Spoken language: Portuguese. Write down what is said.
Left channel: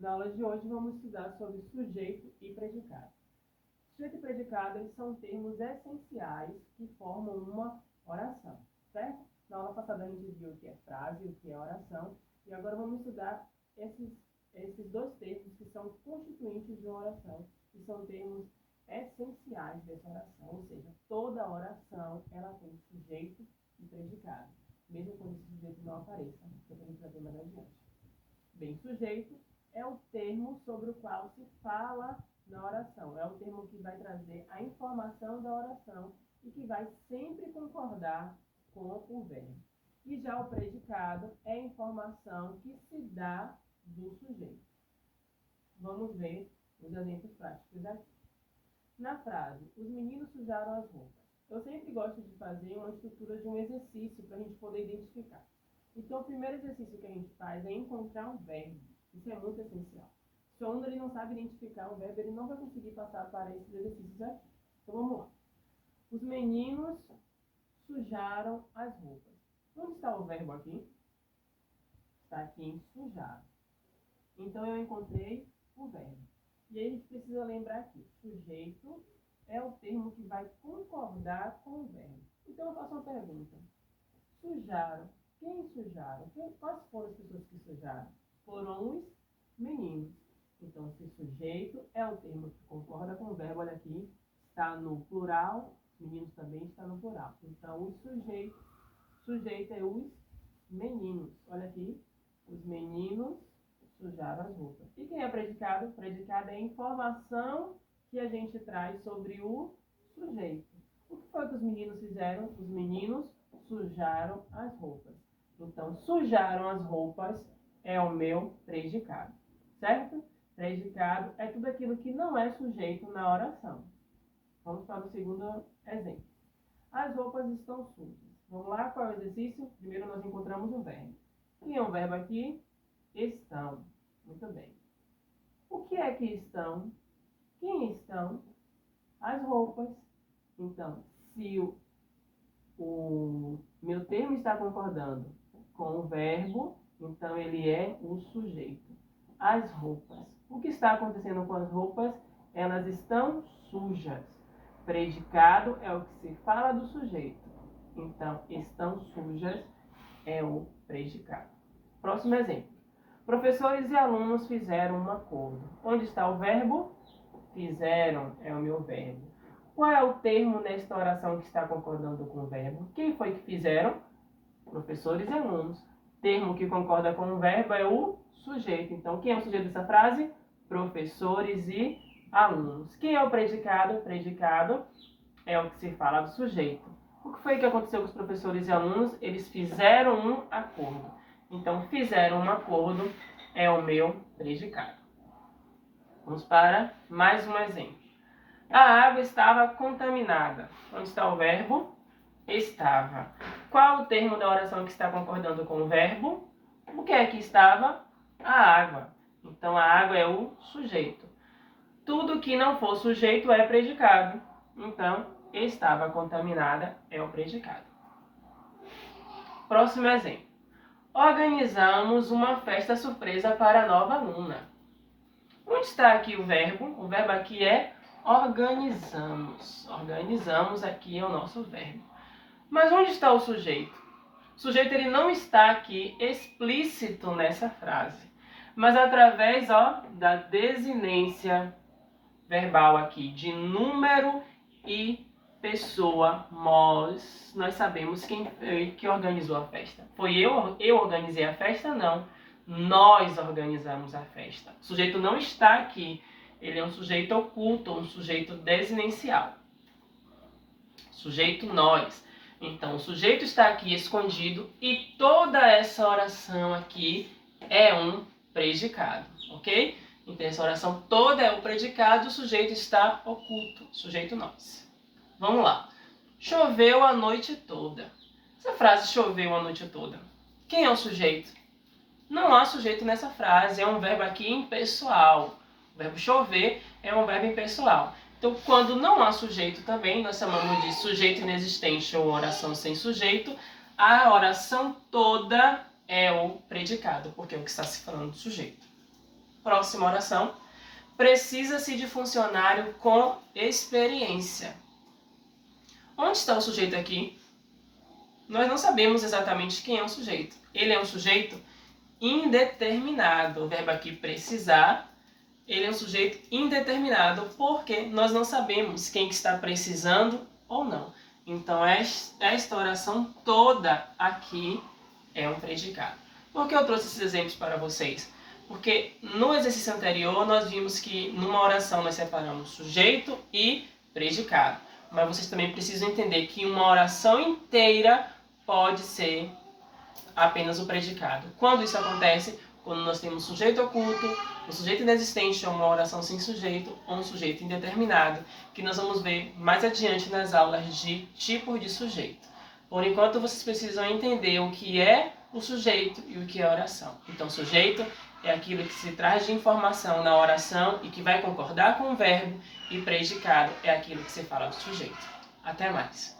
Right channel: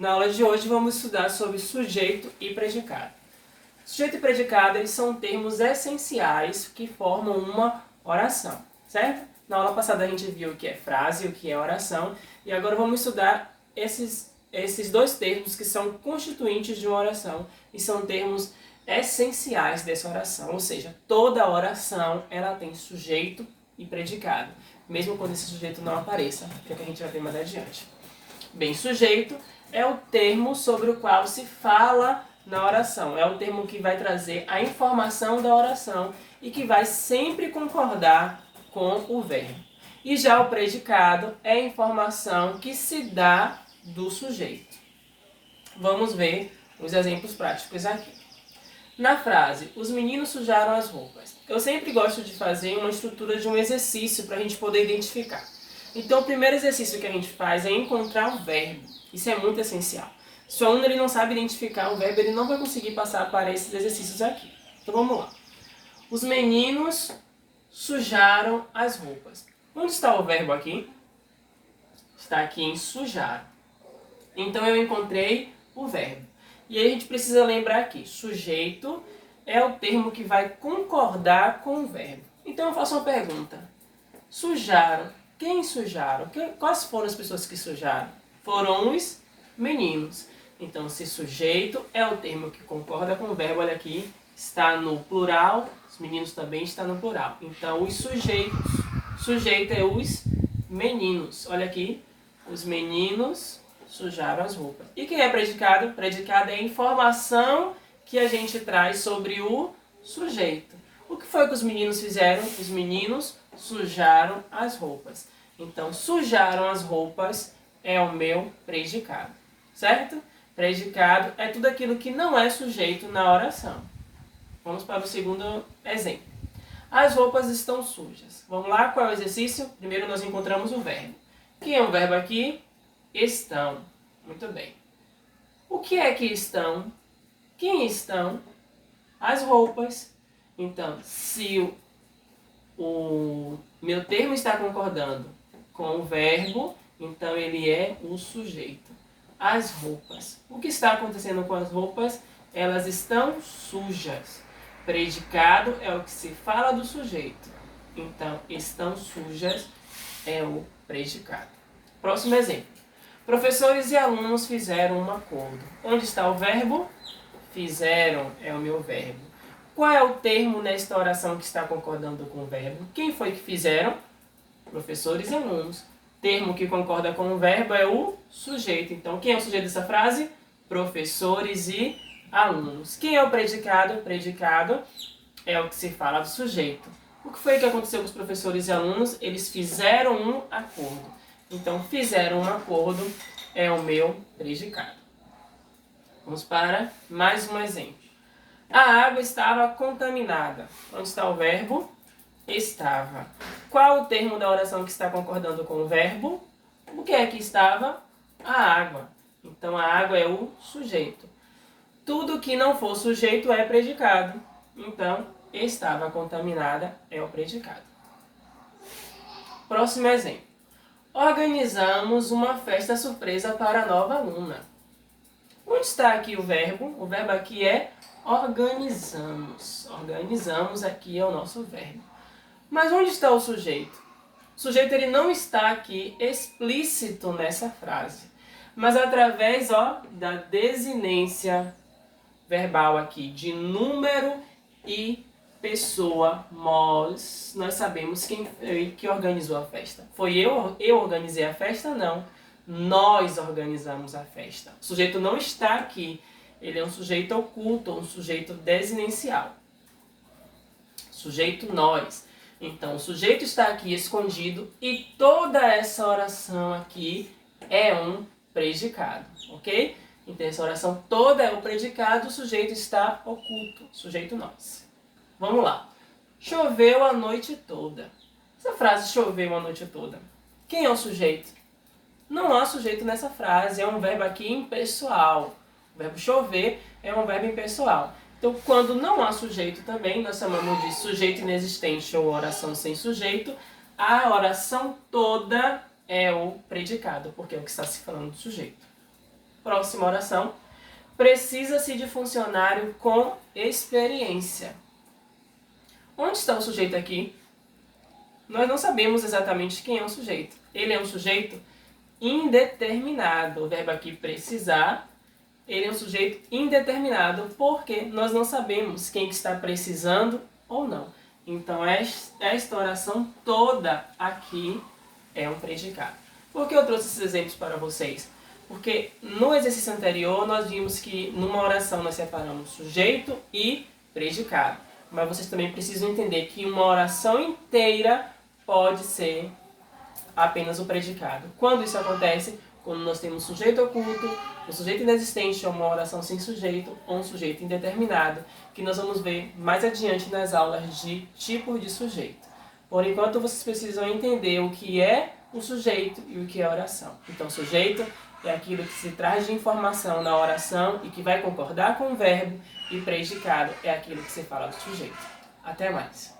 Na aula de hoje vamos estudar sobre sujeito e predicado. Sujeito e predicado eles são termos essenciais que formam uma oração, certo? Na aula passada a gente viu o que é frase, o que é oração, e agora vamos estudar esses dois termos que são constituintes de uma oração e são termos essenciais dessa oração, ou seja, toda oração ela tem sujeito e predicado, mesmo quando esse sujeito não apareça, que é o que a gente vai ver mais adiante. Bem, sujeito é o termo sobre o qual se fala na oração, é o termo que vai trazer a informação da oração e que vai sempre concordar com o verbo. E já o predicado é a informação que se dá do sujeito. Vamos ver os exemplos práticos aqui. Na frase, os meninos sujaram as roupas. Eu sempre gosto de fazer uma estrutura de um exercício para a gente poder identificar. Então, o primeiro exercício que a gente faz é encontrar um verbo. Isso é muito essencial. Se o aluno ele não sabe identificar um verbo, ele não vai conseguir passar para esses exercícios aqui. Então, vamos lá. Os meninos sujaram as roupas. Onde está o verbo aqui? Está aqui em sujar. Então, eu encontrei o verbo. E aí a gente precisa lembrar aqui, sujeito é o termo que vai concordar com o verbo. Então, eu faço uma pergunta. Sujaram. Quem sujaram? Quais foram as pessoas que sujaram? Foram os meninos. Então, se sujeito é o termo que concorda com o verbo, olha aqui, está no plural, os meninos também estão no plural. Então, os sujeitos, sujeito é os meninos. Olha aqui, os meninos sujaram as roupas. E quem é predicado? Predicado é a informação que a gente traz sobre o sujeito. O que foi que os meninos fizeram? Os meninos sujaram as roupas. Então, sujaram as roupas é o meu predicado, certo? Predicado é tudo aquilo que não é sujeito na oração. Vamos para o segundo exemplo. As roupas estão sujas. Vamos lá, qual é o exercício? Primeiro nós encontramos o verbo. Quem é o verbo aqui? Estão. Muito bem. O que é que estão? Quem estão? As roupas. Então, se o meu termo está concordando com o verbo, então ele é o sujeito. As roupas. O que está acontecendo com as roupas? Elas estão sujas. Predicado é o que se fala do sujeito. Então, estão sujas é o predicado. Próximo exemplo. Professores e alunos fizeram um acordo. Onde está o verbo? Fizeram é o meu verbo. Qual é o termo nesta oração que está concordando com o verbo? Quem foi que fizeram? Professores e alunos. Termo que concorda com o verbo é o sujeito. Então, quem é o sujeito dessa frase? Professores e alunos. Quem é o predicado? O predicado é o que se fala do sujeito. O que foi que aconteceu com os professores e alunos? Eles fizeram um acordo. Então, fizeram um acordo é o meu predicado. Vamos para mais um exemplo. A água estava contaminada. Onde está o verbo? Estava. Qual o termo da oração que está concordando com o verbo? O que é que estava? A água. Então, a água é o sujeito. Tudo que não for sujeito é predicado. Então, estava contaminada é o predicado. Próximo exemplo. Organizamos uma festa surpresa para a nova aluna. Onde está aqui o verbo? O verbo aqui é organizamos. Organizamos aqui é o nosso verbo. Mas onde está o sujeito? O sujeito ele não está aqui explícito nessa frase, mas através da desinência verbal aqui de número e pessoa, nós sabemos quem foi que organizou a festa. Foi eu organizei a festa? Não. Nós organizamos a festa. O sujeito não está aqui. Ele é um sujeito oculto, um sujeito desinencial. Sujeito nós. Então, o sujeito está aqui escondido e toda essa oração aqui é um predicado, ok? Então, essa oração toda é o predicado, o sujeito está oculto, sujeito nós. Vamos lá. Choveu a noite toda. Essa frase choveu a noite toda. Quem é o sujeito? Não há sujeito nessa frase, é um verbo aqui impessoal. O verbo chover é um verbo impessoal. Então, quando não há sujeito também, nós chamamos de sujeito inexistente ou oração sem sujeito. A oração toda é o predicado, porque é o que está se falando do sujeito. Próxima oração. Precisa-se de funcionário com experiência. Onde está o sujeito aqui? Nós não sabemos exatamente quem é o sujeito. Ele é um sujeito indeterminado. O verbo aqui precisar, ele é um sujeito indeterminado porque nós não sabemos quem que está precisando ou não. Então, esta oração toda aqui é um predicado. Por que eu trouxe esses exemplos para vocês? Porque no exercício anterior nós vimos que numa oração nós separamos sujeito e predicado. Mas vocês também precisam entender que uma oração inteira pode ser apenas o predicado. Quando isso acontece? Quando nós temos sujeito oculto, um sujeito inexistente ou uma oração sem sujeito ou um sujeito indeterminado, que nós vamos ver mais adiante nas aulas de tipos de sujeito. Por enquanto, vocês precisam entender o que é o sujeito e o que é a oração. Então, sujeito é aquilo que se traz de informação na oração e que vai concordar com o verbo, e predicado é aquilo que se fala do sujeito. Até mais!